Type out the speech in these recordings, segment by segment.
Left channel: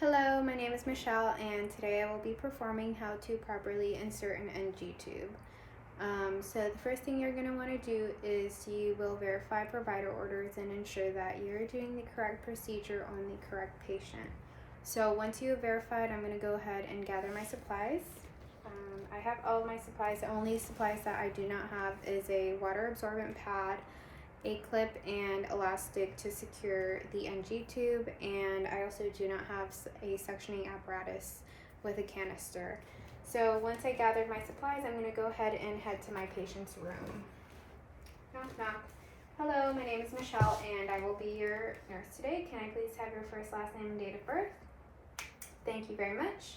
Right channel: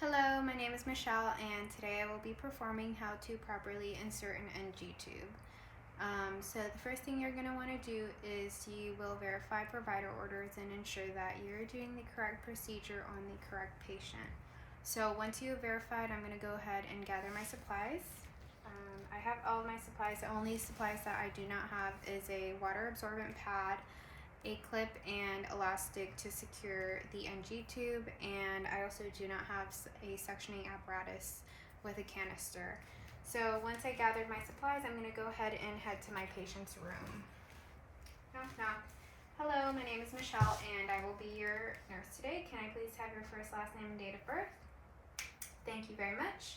Hello, my name is Michelle, and today I will be performing how to properly insert an NG tube. So the first thing you're going to want to do is you will verify provider orders and ensure that you're doing the correct procedure on the correct patient. So once you have verified, I'm going to go ahead and gather my supplies. I have all of my supplies. The only supplies that I do not have is a water absorbent pad, a clip and elastic to secure the NG tube, and I also do not have a suctioning apparatus with a canister. So once I gathered my supplies, I'm going to go ahead and head to my patient's room. Knock, knock. Hello, my name is Michelle, and I will be your nurse today. Can I please have your first, last name, and date of birth? Thank you very much.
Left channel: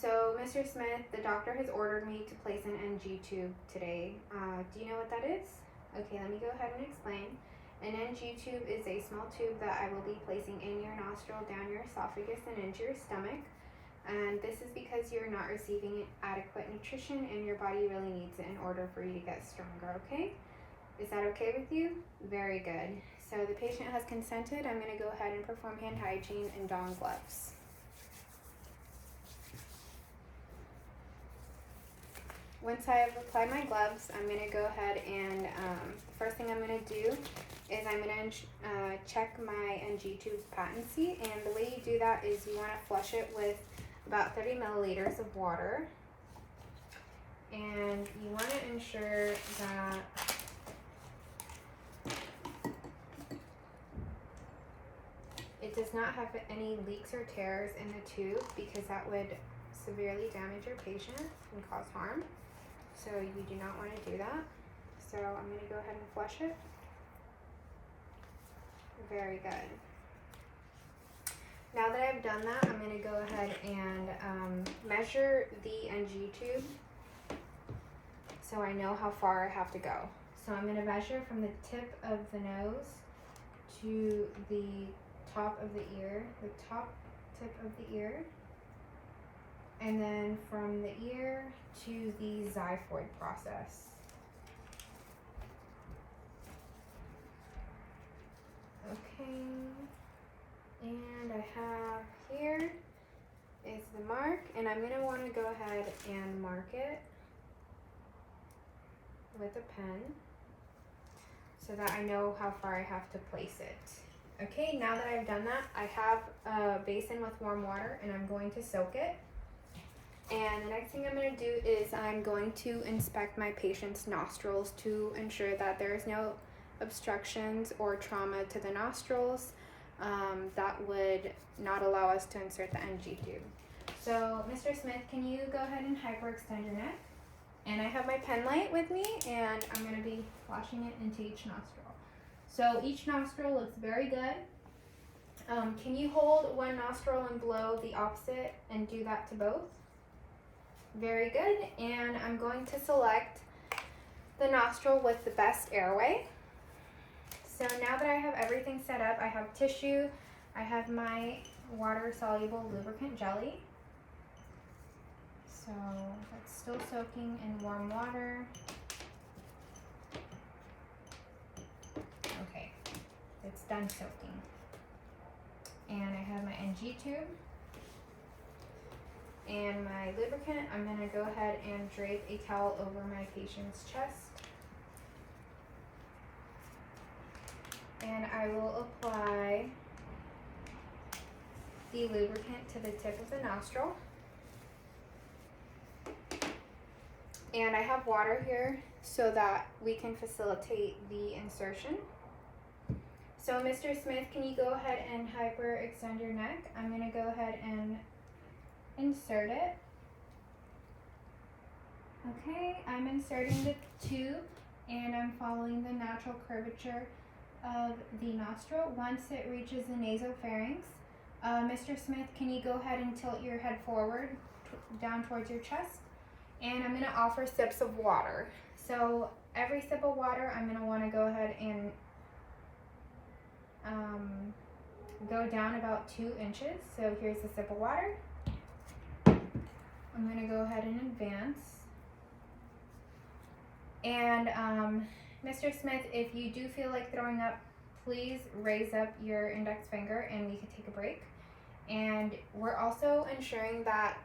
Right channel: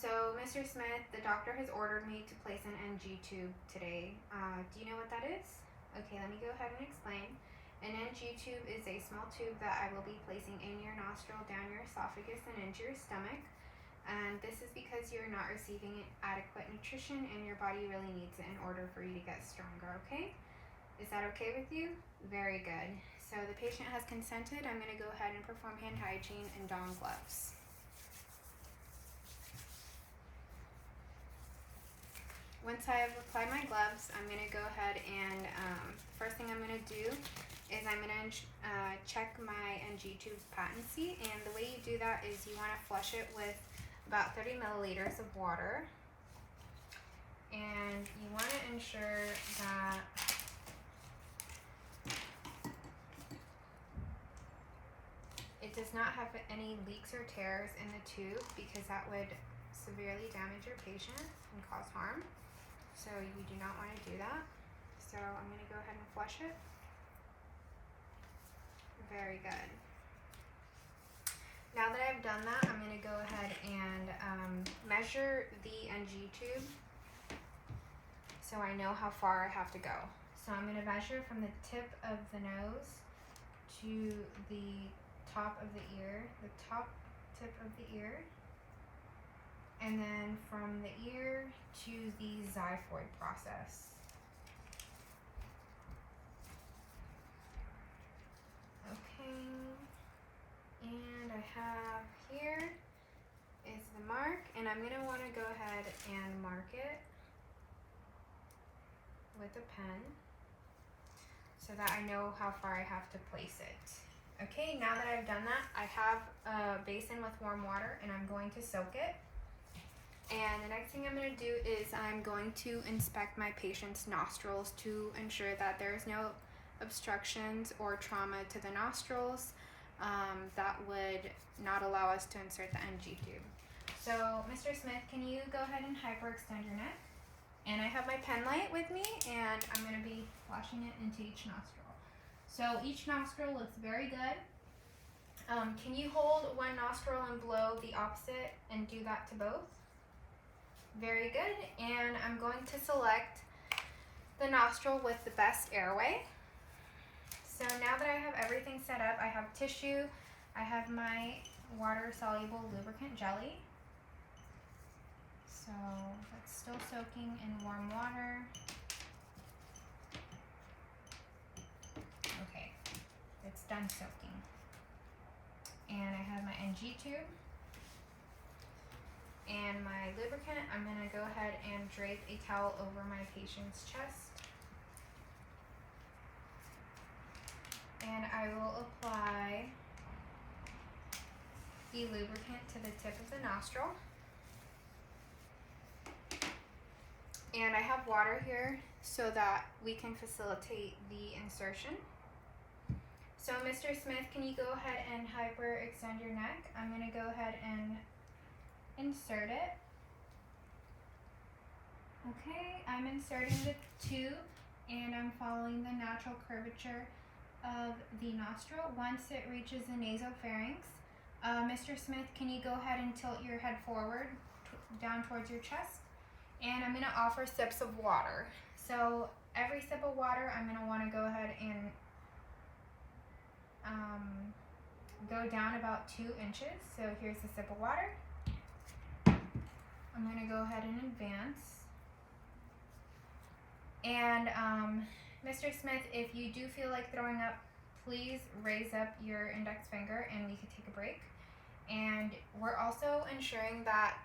So Mr. Smith, the doctor has ordered me to place an NG tube today. Do you know what that is? Okay, let me go ahead and explain. An NG tube is a small tube that I will be placing in your nostril, down your esophagus, and into your stomach. And this is because you're not receiving adequate nutrition and your body really needs it in order for you to get stronger, okay? Is that okay with you? Very good. So the patient has consented. I'm going to go ahead and perform hand hygiene and don gloves. Once I have applied my gloves, I'm going to go ahead and the first thing I'm going to do is I'm going to check my NG tube's patency, and the way you do that is you want to flush it with about 30 milliliters of water, and you want to ensure that it does not have any leaks or tears in the tube, because that would severely damage your patient and cause harm. So you do not want to do that. So I'm going to go ahead and flush it. Very good. Now that I've done that, I'm going to go ahead and measure the NG tube so I know how far I have to go. So I'm going to measure from the tip of the nose to the top of the ear, the top tip of the ear, and then from the ear to the xiphoid process. Okay, and I have here is the mark, and I'm going to want to go ahead and mark it with a pen so that I know how far I have to place it. Okay, now that I've done that, I have a basin with warm water and I'm going to soak it. And the next thing I'm going to do is I'm going to inspect my patient's nostrils to ensure that there is no obstructions or trauma to the nostrils that would not allow us to insert the NG tube. So Mr. Smith, can you go ahead and hyperextend your neck? And I have my pen light with me, and I'm going to be flashing it into each nostril. So each nostril looks very good. Can you hold one nostril and blow the opposite and do that to both? Very good. And I'm going to select the nostril with the best airway. So now that I have everything set up, I have tissue, I have my water-soluble lubricant jelly. So that's still soaking in warm water. Okay, it's done soaking. And I have my NG tube and my lubricant. I'm going to go ahead and drape a towel over my patient's chest. And I will apply the lubricant to the tip of the nostril. And I have water here so that we can facilitate the insertion. So Mr. Smith, can you go ahead and hyperextend your neck? I'm going to go ahead and insert it. Okay, I'm inserting the tube and I'm following the natural curvature of the nostril. Once it reaches the nasopharynx, Mr. Smith, can you go ahead and tilt your head forward down towards your chest? And I'm going to offer sips of water. So every sip of water, I'm going to want to go ahead and go down about 2 inches. So here's a sip of water. I'm going to go ahead and advance. And Mr. Smith, if you do feel like throwing up, please raise up your index finger and we could take a break. And we're also ensuring that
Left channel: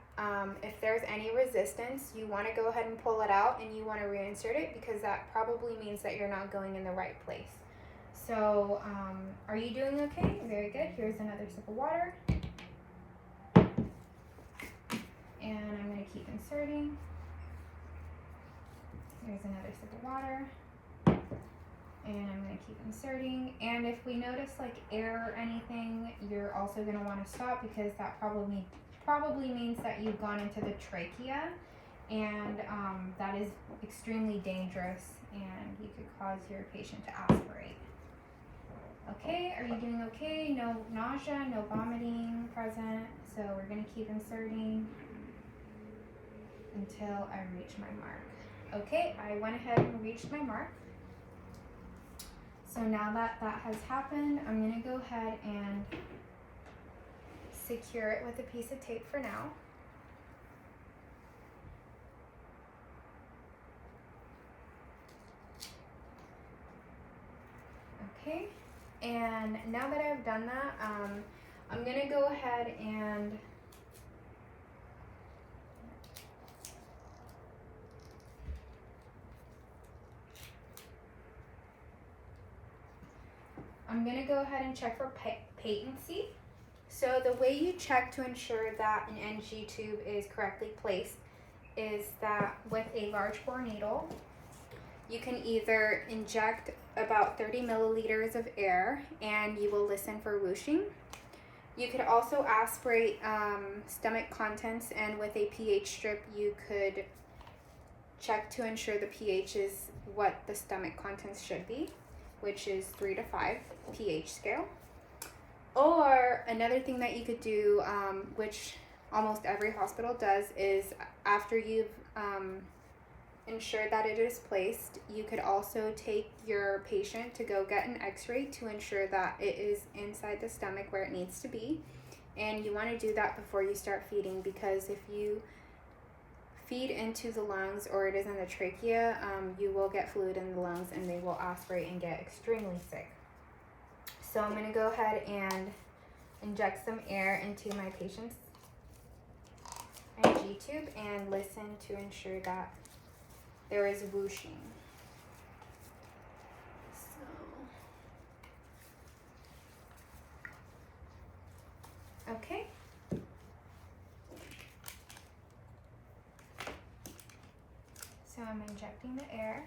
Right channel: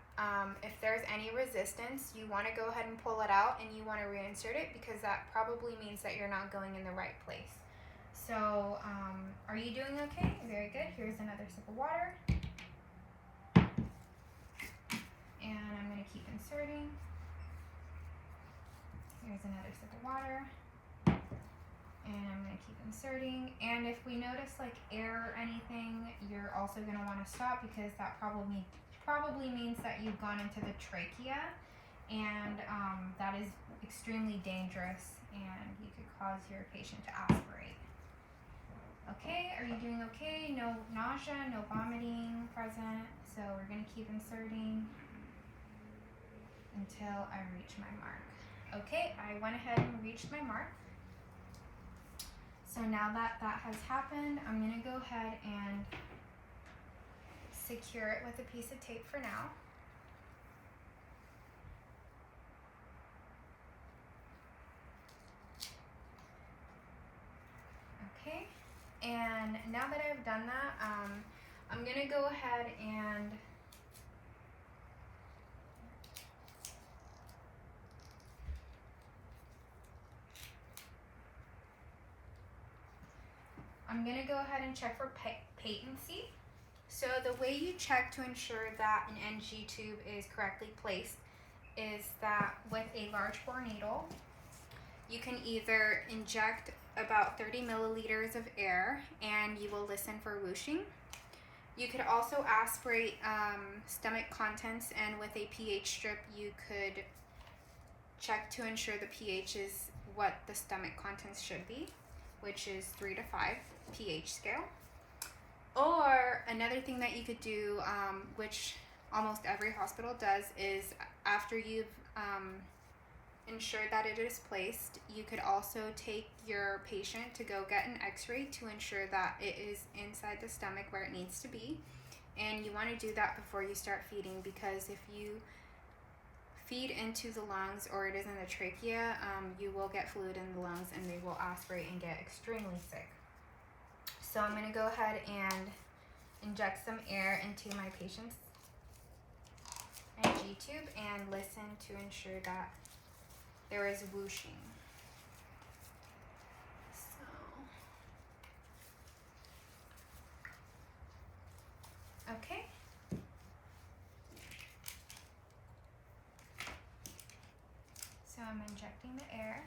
if there's any resistance, you want to go ahead and pull it out and you want to reinsert it, because that probably means that you're not going in the right place. So are you doing okay? Very good. Here's another sip of water. And I'm going to keep inserting. Here's another sip of water. And I'm going to keep inserting. And if we notice like air or anything, you're also going to want to stop, because that probably means that you've gone into the trachea, and that is extremely dangerous, and you could cause your patient to aspirate. Okay, are you doing okay? No nausea, no vomiting present. So we're going to keep inserting until I reach my mark. Okay, I went ahead and reached my mark. So now that that has happened, I'm going to go ahead and secure it with a piece of tape for now. Okay, and now that I've done that, I'm going to go ahead and check for patency. So the way you check to ensure that an NG tube is correctly placed is that with a large bore needle, you can either inject about 30 milliliters of air and you will listen for whooshing. You could also aspirate stomach contents, and with a pH strip you could check to ensure the pH is what the stomach contents should be, which is 3 to 5 pH scale. Or another thing that you could do, which almost every hospital does, is after you've ensured that it is placed, you could also take your patient to go get an x-ray to ensure that it is inside the stomach where it needs to be. And you want to do that before you start feeding, because if you feed into the lungs or it is in the trachea, you will get fluid in the lungs and they will aspirate and get extremely sick. So I'm going to go ahead and inject some air into my patient's NG tube and listen to ensure that there is whooshing. So, okay. So I'm injecting the air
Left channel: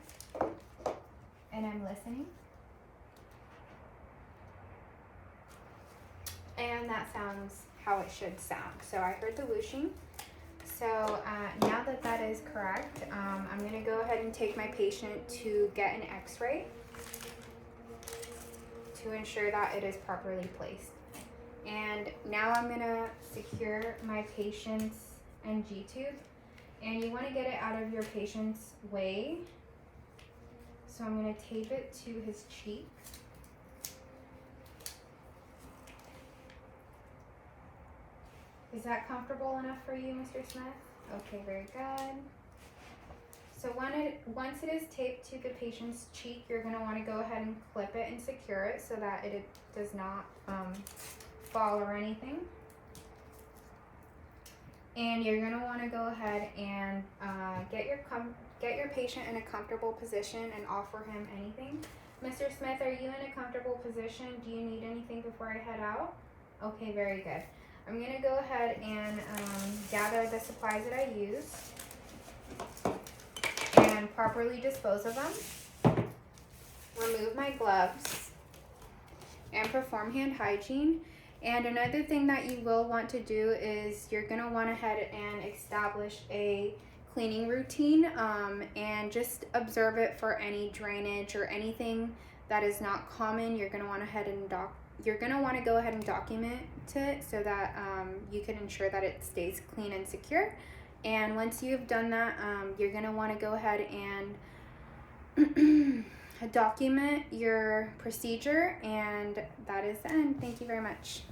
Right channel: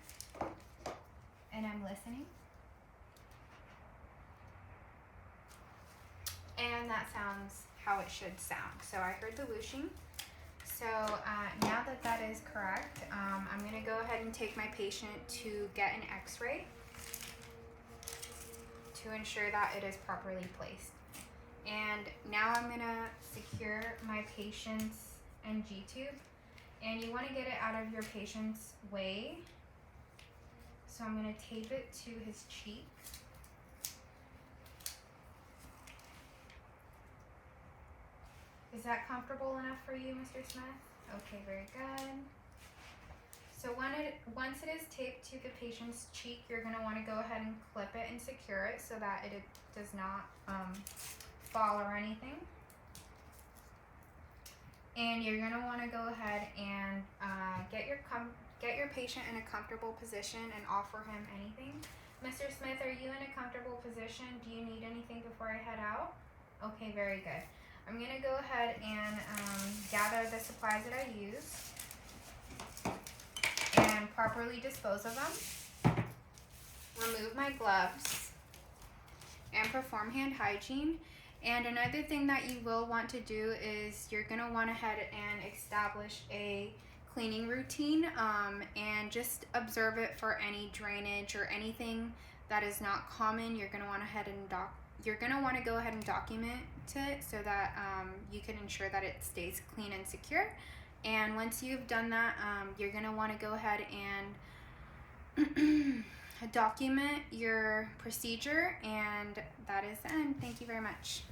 and I'm listening. And that sounds how it should sound. So I heard the whooshing. So now that that is correct, I'm going to go ahead and take my patient to get an x-ray to ensure that it is properly placed. And now I'm going to secure my patient's NG tube, and you want to get it out of your patient's way. So I'm going to tape it to his cheek. Is that comfortable enough for you, Mr. Smith? Okay, very good. So once it is taped to the patient's cheek, you're going to want to go ahead and clip it and secure it so that it does not fall or anything. And you're going to want to go ahead and get your patient in a comfortable position and offer him anything. Mr. Smith, are you in a comfortable position? Do you need anything before I head out? Okay, very good. I'm going to go ahead and gather the supplies that I used and properly dispose of them. Remove my gloves and perform hand hygiene. And another thing that you will want to do is you're going to want to head and establish a cleaning routine and just observe it for any drainage or anything that is not common. You're going to want to go ahead and document it so that you can ensure that it stays clean and secure. And once you've done that, you're going to want to go ahead and document your procedure, and that is the end. Thank you very much.